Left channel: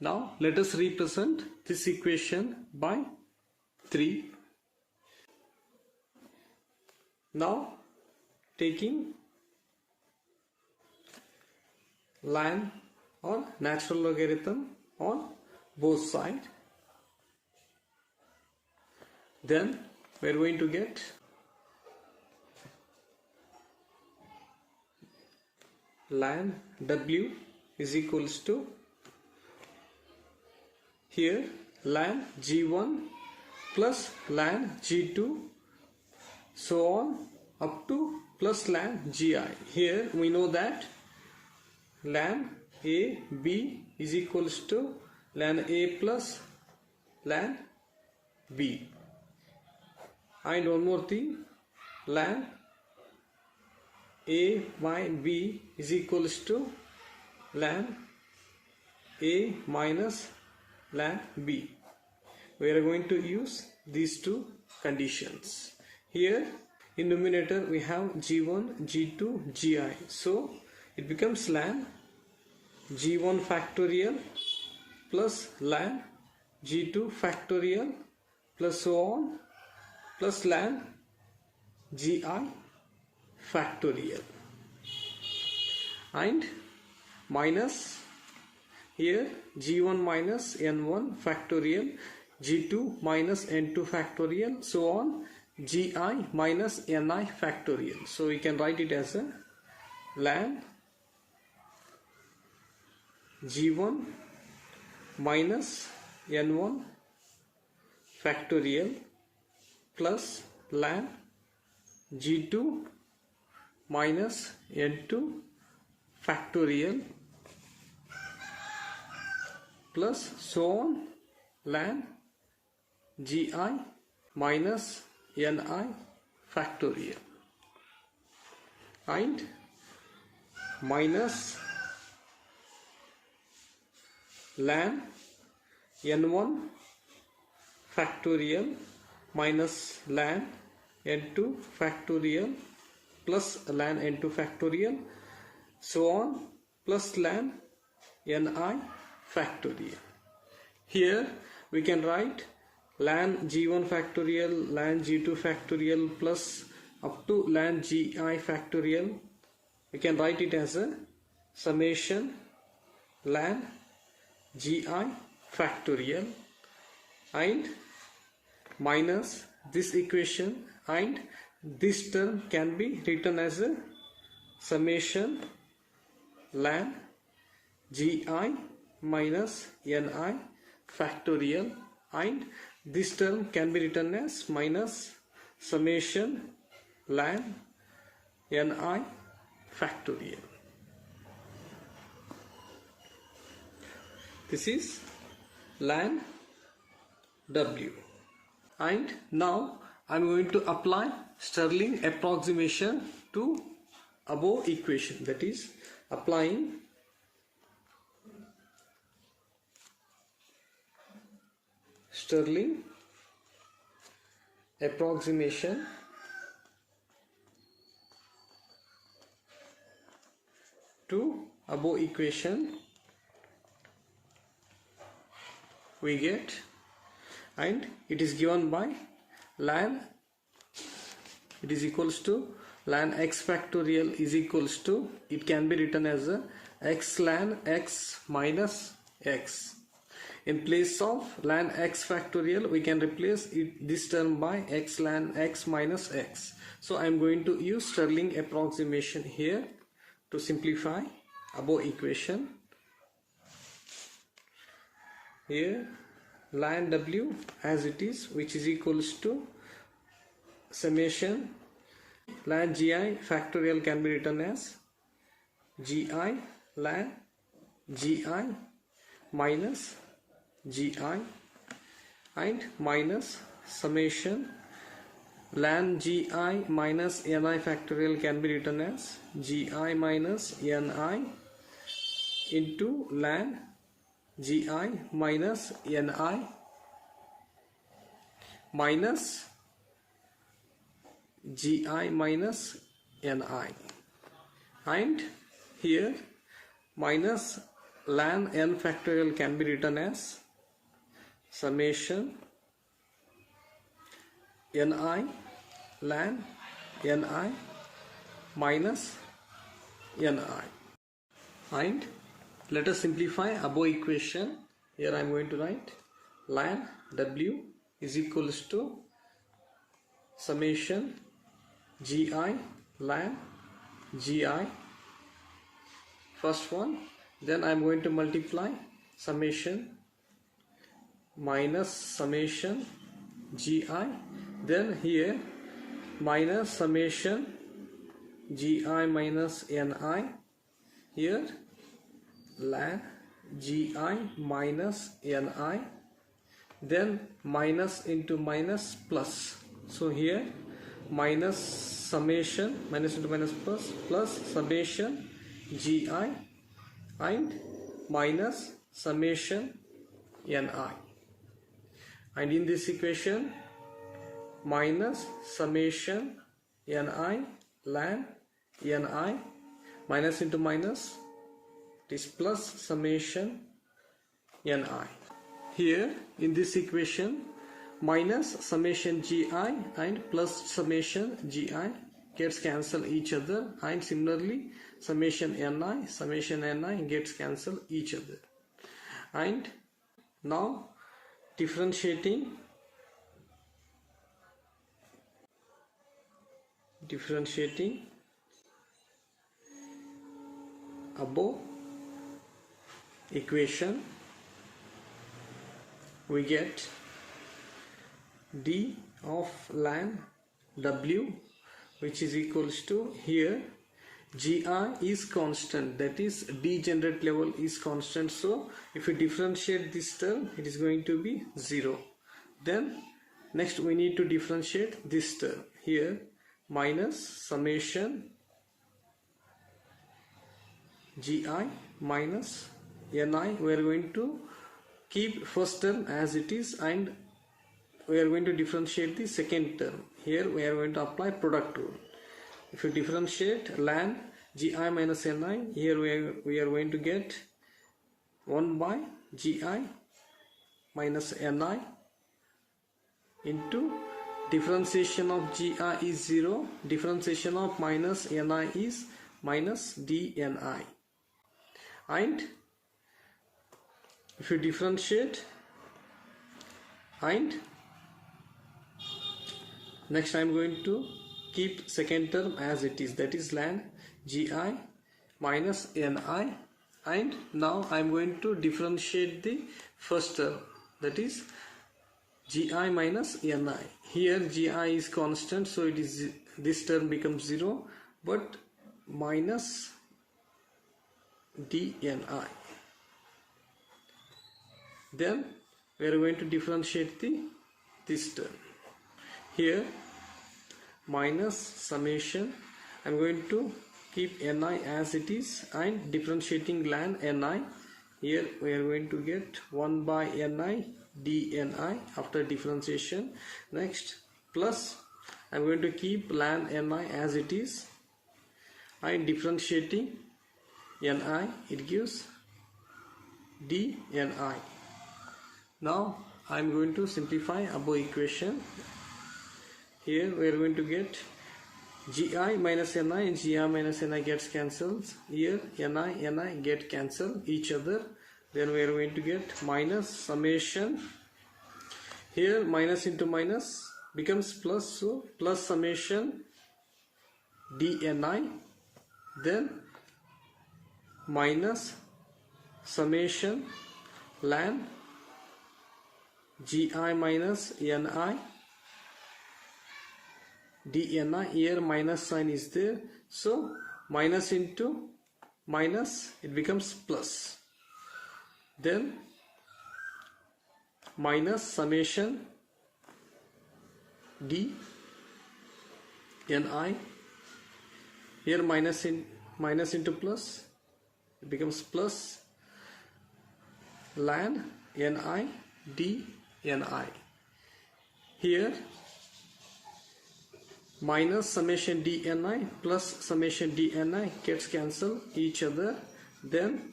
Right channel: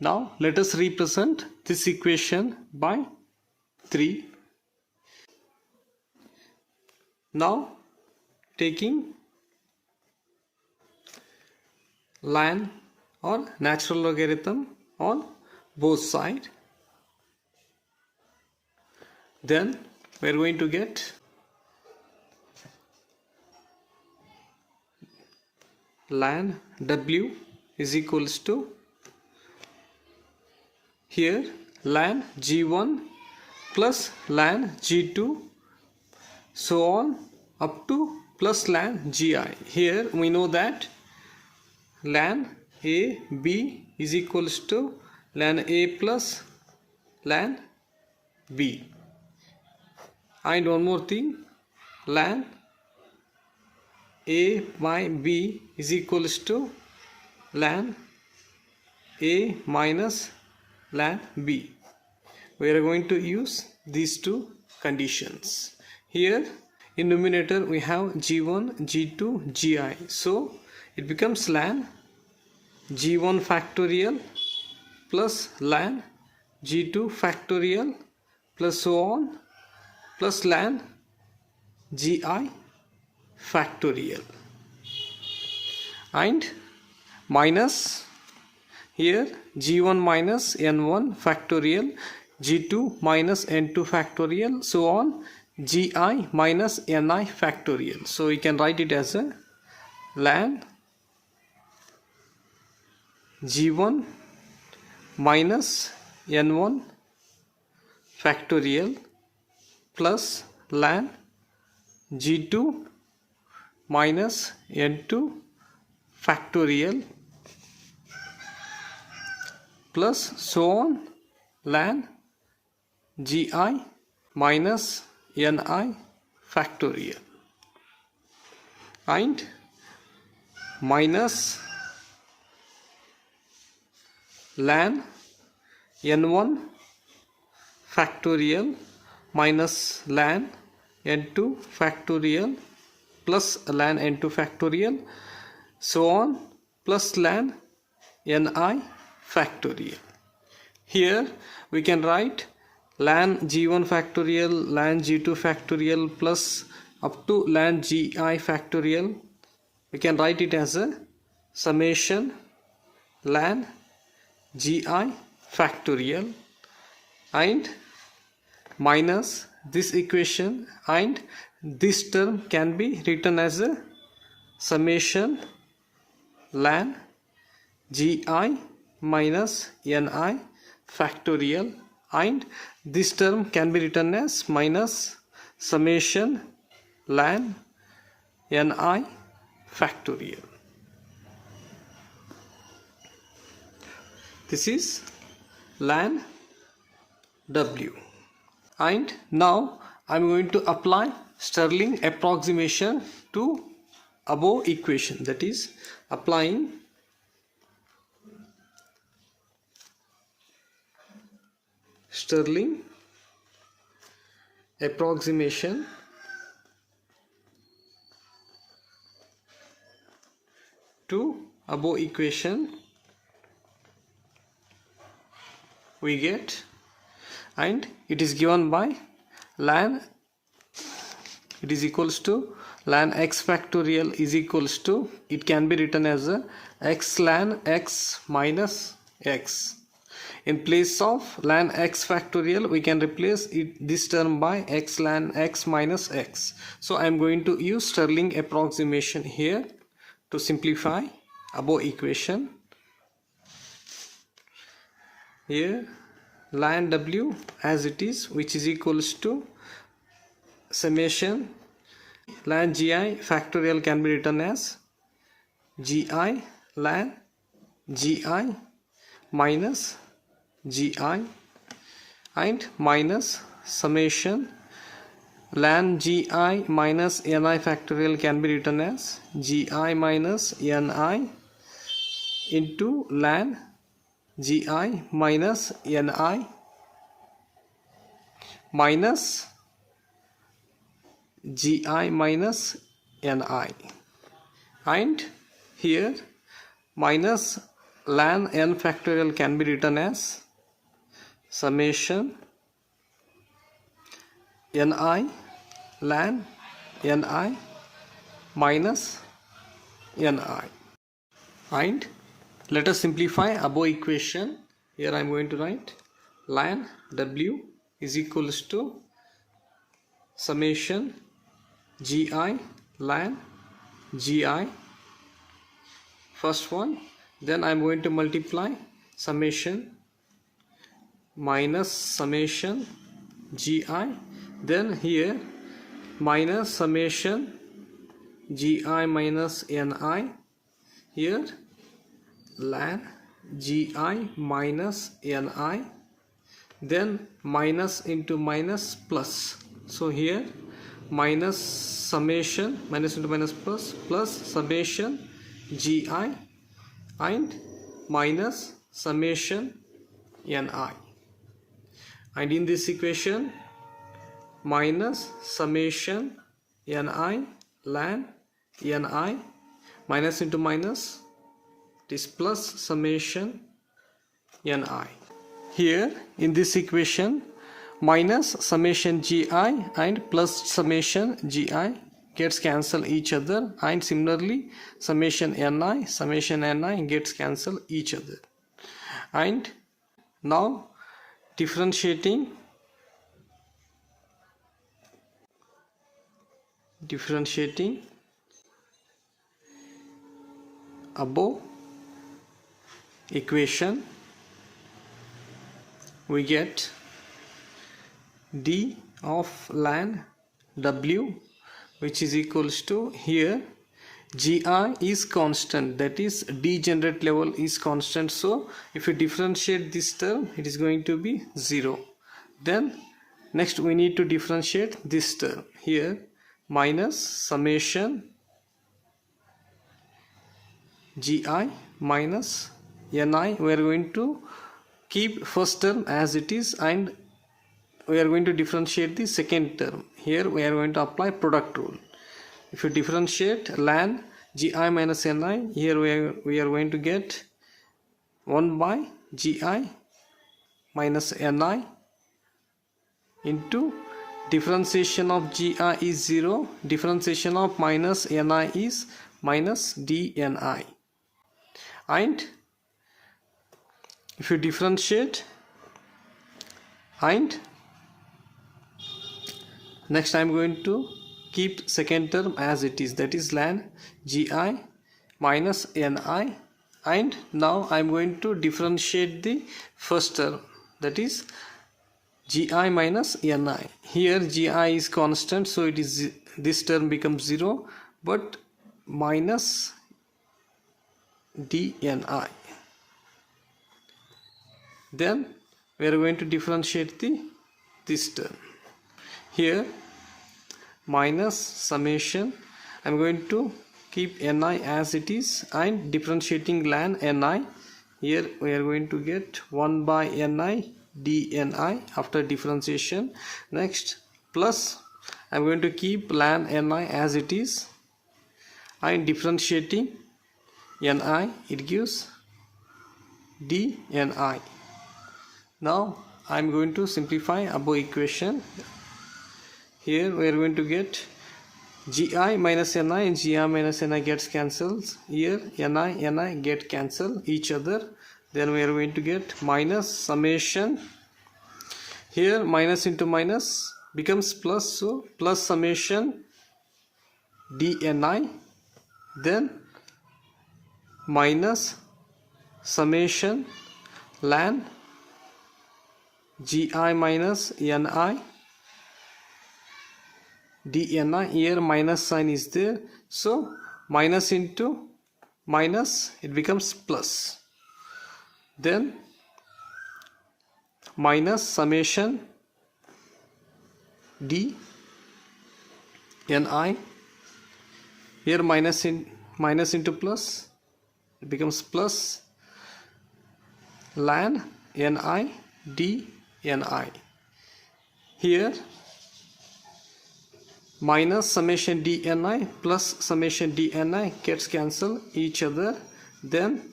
now let us represent this equation by 3. Now taking ln or natural logarithm on both sides, then we are going to get ln w is equals to, here ln g1 plus ln g2 so on up to plus ln gi. Here we know that ln a b is equals to ln a plus ln b, and one more thing, ln a by b is equals to ln a minus ln b. We are going to use these two conditions. Here in numerator we have g1, g2, gi, so it becomes ln g1 factorial plus ln g2 factorial plus so on plus ln gi factorial, and minus here g1 minus n1 factorial, g2 minus n2 factorial, so on gi minus ni factorial. So we can write it as a ln g1 minus n1 factorial plus ln g2 minus n2 factorial plus so on ln gi minus ni factorial, and minus ln n1 factorial minus ln n2 factorial plus ln n2 factorial, so on plus ln ni factorial. Here we can write ln g1 factorial, ln g2 factorial plus up to ln gi factorial. We can write it as a summation ln gi factorial, and minus this equation, and this term can be written as a summation ln gi minus ni factorial, and this term can be written as minus summation ln ni factorial. This is ln w, and now I am going to apply Stirling approximation to above equation, that is applying Stirling approximation to above equation we get, and it is given by ln, it is equals to ln x factorial is equals to, it can be written as a x ln x minus x. In place of ln x factorial we can replace this term by x ln x minus x. So I am going to use Stirling approximation here to simplify above equation. Here ln w as it is, which is equals to summation ln gi factorial can be written as gi ln gi minus gi, and minus summation ln gi minus ni factorial can be written as gi minus ni into ln gi minus ni minus gi minus ni, and here minus ln n factorial can be written as summation ni ln ni minus ni. And let us simplify above equation. Here I am going to write ln w is equals to summation gi ln gi, first one, then I am going to multiply summation minus summation gi, then here minus summation gi minus ni, here ln gi minus ni, then minus into minus plus, so here minus summation minus into minus plus summation gi and minus summation ni, and in this equation minus summation ni ln ni minus into minus, this plus summation ni. Here in this equation minus summation gi and plus summation gi gets cancel each other, and similarly summation ni gets cancel each other. And now differentiating above equation, we get d of ln w, which is equals to, here gi is constant, that is degenerate level is constant, so if you differentiate this term it is going to be 0. Then next we need to differentiate this term, here minus summation gi minus ni, we are going to keep first term as it is and we are going to differentiate the second term. Here we are going to apply product rule. If you differentiate ln gi minus ni, here we are going to get 1 by gi minus ni into differentiation of gi is 0, differentiation of minus ni is minus dni. And if you differentiate, and next I am going to keep second term as it is, that is ln gi minus ni, and now I am going to differentiate the first term, that is gi minus ni. Here gi is constant, so it is, this term becomes 0, but minus dni. Then we are going to differentiate this term. Here minus summation, I am going to keep ni as it is and differentiating ln ni, here we are going to get 1 by ni dni after differentiation. Next plus I am going to keep ln ni as it is and differentiating ni, it gives dni. Now I am going to simplify above equation. Here we are going to get gi minus ni and gi minus ni gets cancelled. Here ni get cancel each other. Then we are going to get minus summation. Here minus into minus becomes plus, so plus summation dni, then minus summation ln gi minus ni dni. Here minus sign is there, so minus into minus it becomes plus, then minus summation d ni. Here minus into plus, it becomes plus ln ni d ni. Here minus summation dni plus summation dni gets cancel each other, then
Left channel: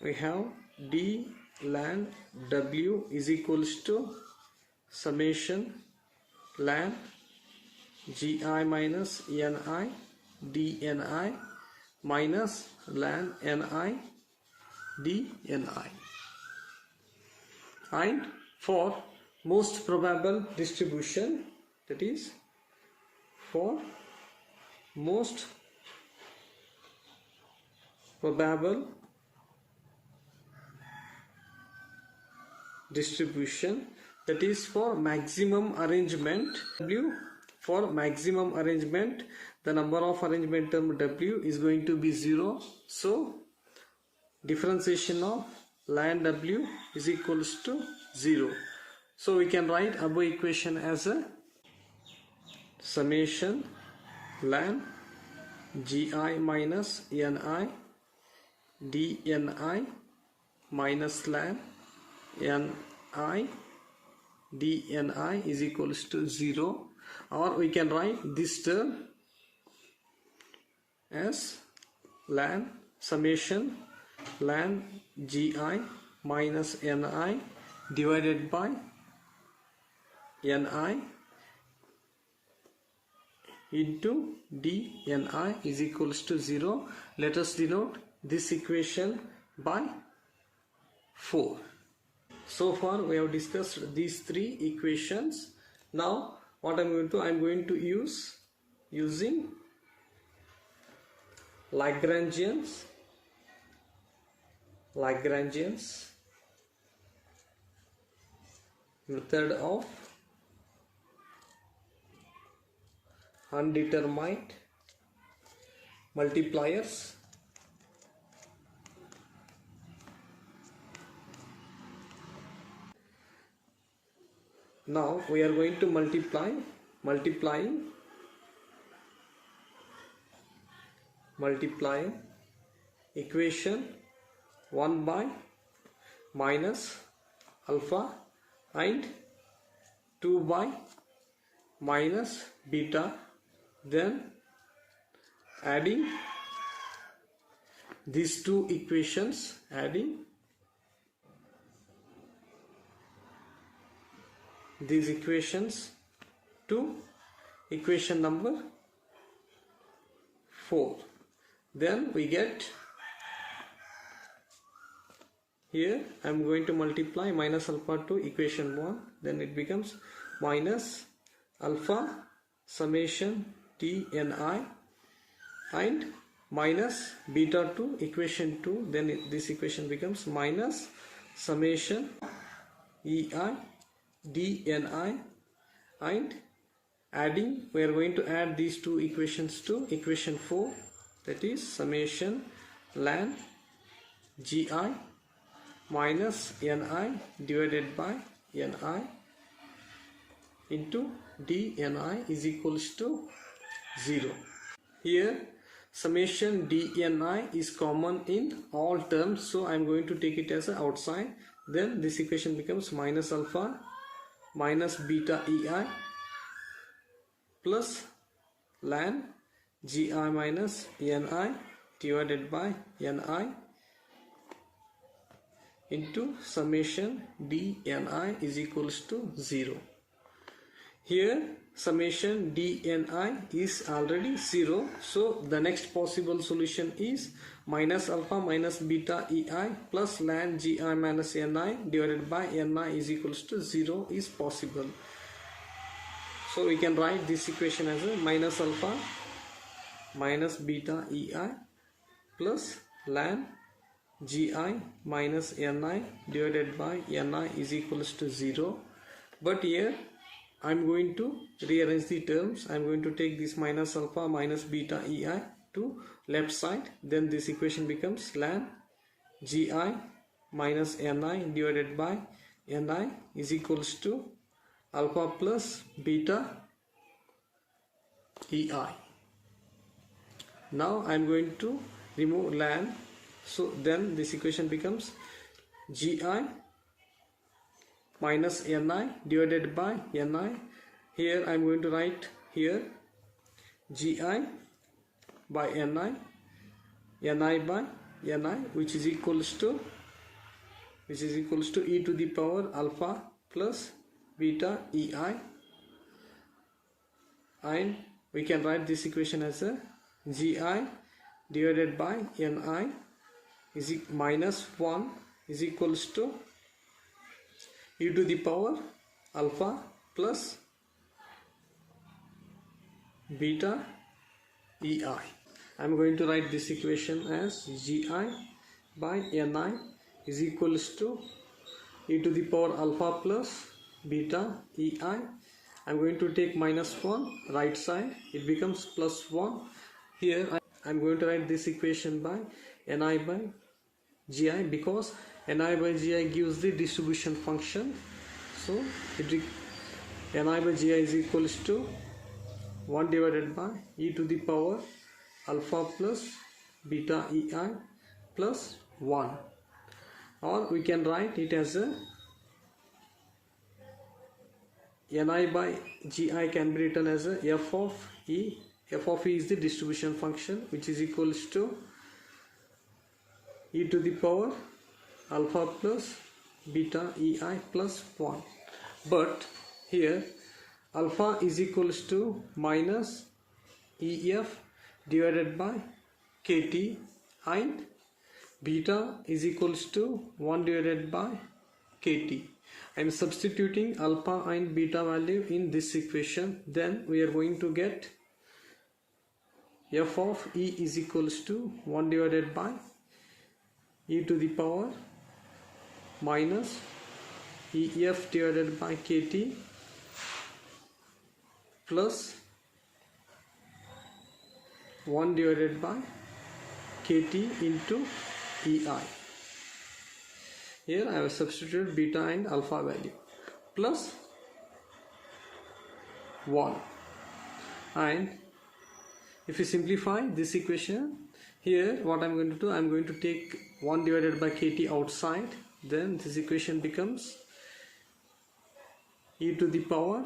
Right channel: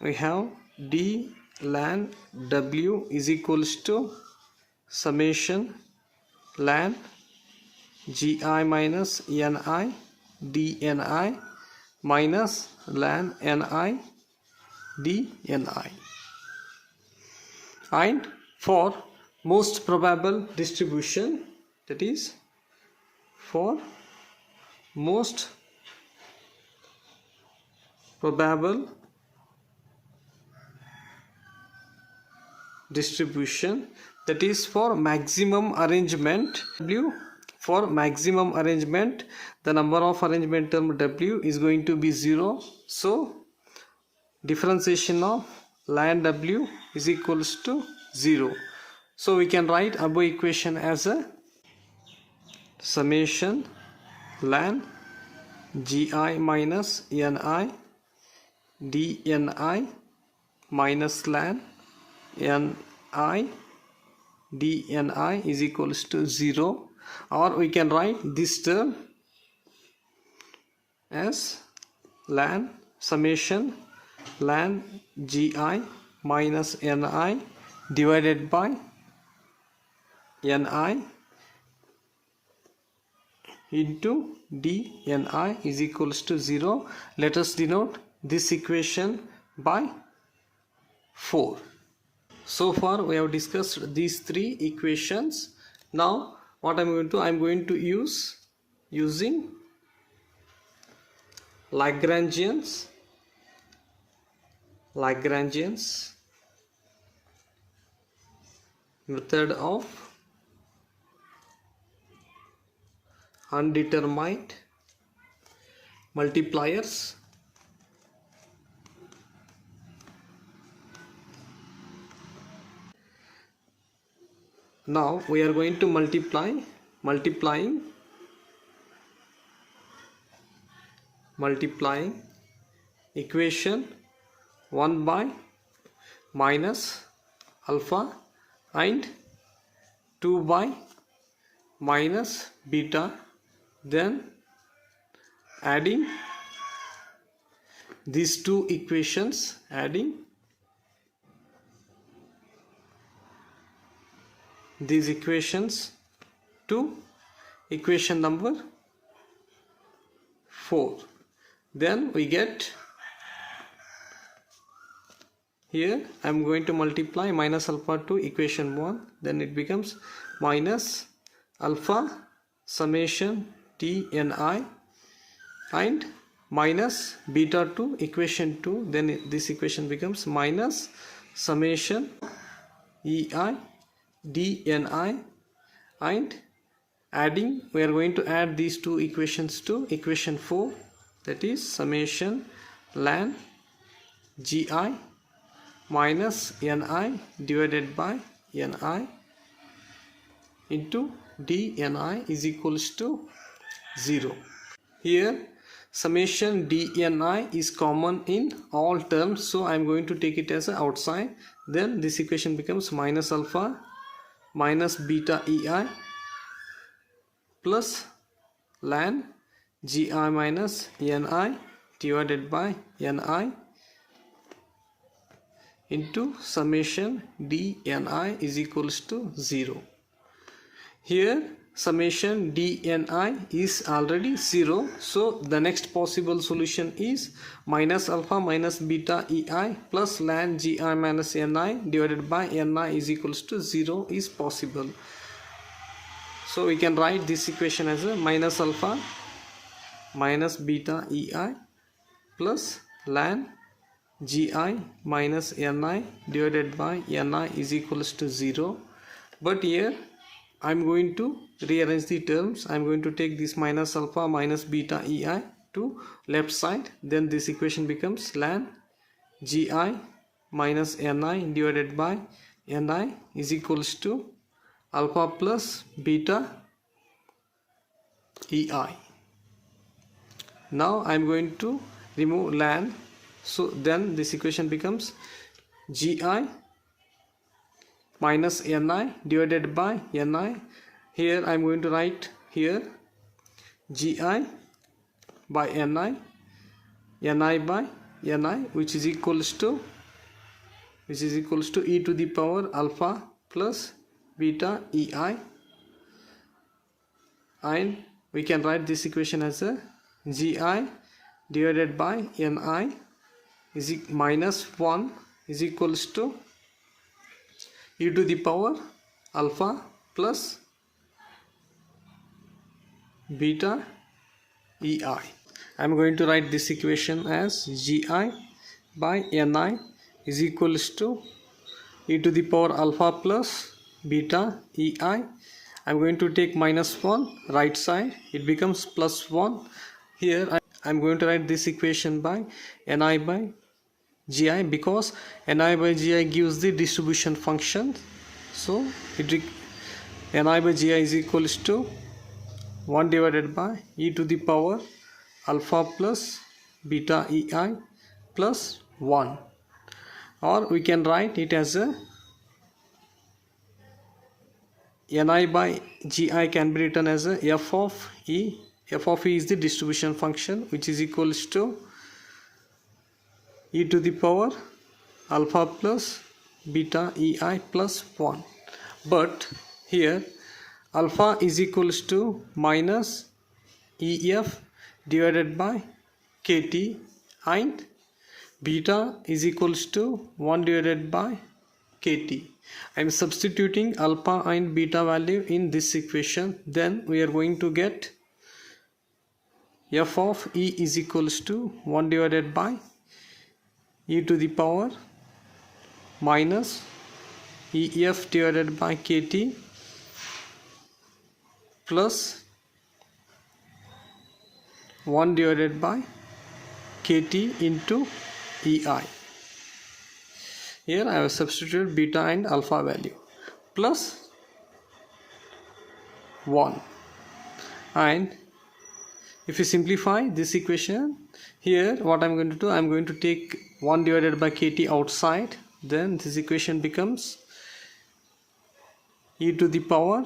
we have d ln w is equals to summation ln gi minus ni dni minus ln ni dni. And for most probable distribution, that is for most probable distribution, that is for maximum arrangement w, for maximum arrangement the number of arrangement term w is going to be 0. So differentiation of ln w is equals to 0. So we can write above equation as a summation ln gi minus ni dni minus ln ni dni is equals to 0, or we can write this term as ln summation ln gi minus ni divided by ni into dni is equals to 0. Let us denote this equation by 4. So far we have discussed these three equations. Now what I'm going to use using Lagrangians method of undetermined multipliers. Now we are going to multiplying equation 1 by minus alpha and 2 by minus beta, then adding these two equations, adding these equations to equation number 4. Then we get, here I am going to multiply minus alpha to equation 1, then it becomes minus alpha summation tni and minus beta to equation 2, then this equation becomes minus summation ei dni, and adding, we are going to add these two equations to equation 4, that is summation ln gi minus ni divided by ni into dni is equals to 0. Here summation dni is common in all terms, so I am going to take it as a outside. Then this equation becomes minus alpha minus beta ei plus ln gi minus ni divided by ni into summation dni is equals to 0. Here summation dni is already 0, so the next possible solution is minus alpha minus beta ei plus ln gi minus ni divided by ni is equals to 0 is possible. So we can write this equation as a minus alpha minus beta ei plus ln gi minus ni divided by ni is equals to 0. But here I am going to rearrange the terms. I am going to take this minus alpha minus beta ei to left side, then this equation becomes ln gi minus ni divided by ni is equals to alpha plus beta ei. Now I am going to remove ln, so then this equation becomes gi minus ni divided by ni. Here I am going to write here gi by ni by Ni, which is equals to e to the power alpha plus beta ei, and we can write this equation as a gi divided by ni is minus 1 is equals to e to the power alpha plus beta ei. I am going to write this equation as gi by ni is equals to e to the power alpha plus beta ei. I am going to take minus 1 right side, it becomes plus 1. Here I am going to write this equation by ni by gi, because ni by gi gives the distribution function. So ni by gi is equals to 1 divided by e to the power alpha plus beta ei plus 1, or we can write it as a ni by gi can be written as a f of e. F of e is the distribution function, which is equals to e to the power alpha plus beta ei plus 1. But here alpha is equals to minus ef divided by kt, and beta is equals to 1 divided by kt. I am substituting alpha and beta value in this equation. Then we are going to get f of e is equals to 1 divided by e to the power minus ef divided by kt plus 1 divided by kt into ei. Here I have substituted beta and alpha value plus 1, and if you simplify this equation, here what I am going to do, I am going to take 1 divided by kt outside, then this equation becomes e to the power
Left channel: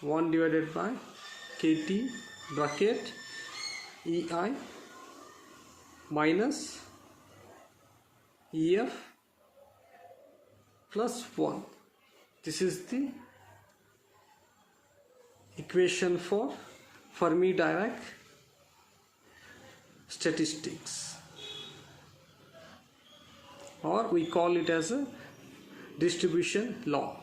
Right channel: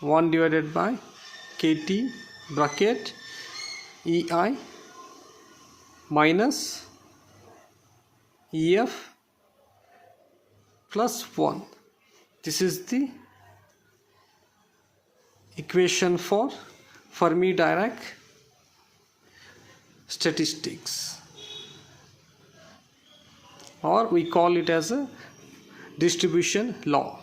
1 divided by kt bracket ei minus ef plus 1. This is the equation for Fermi Dirac statistics, or we call it as a distribution law.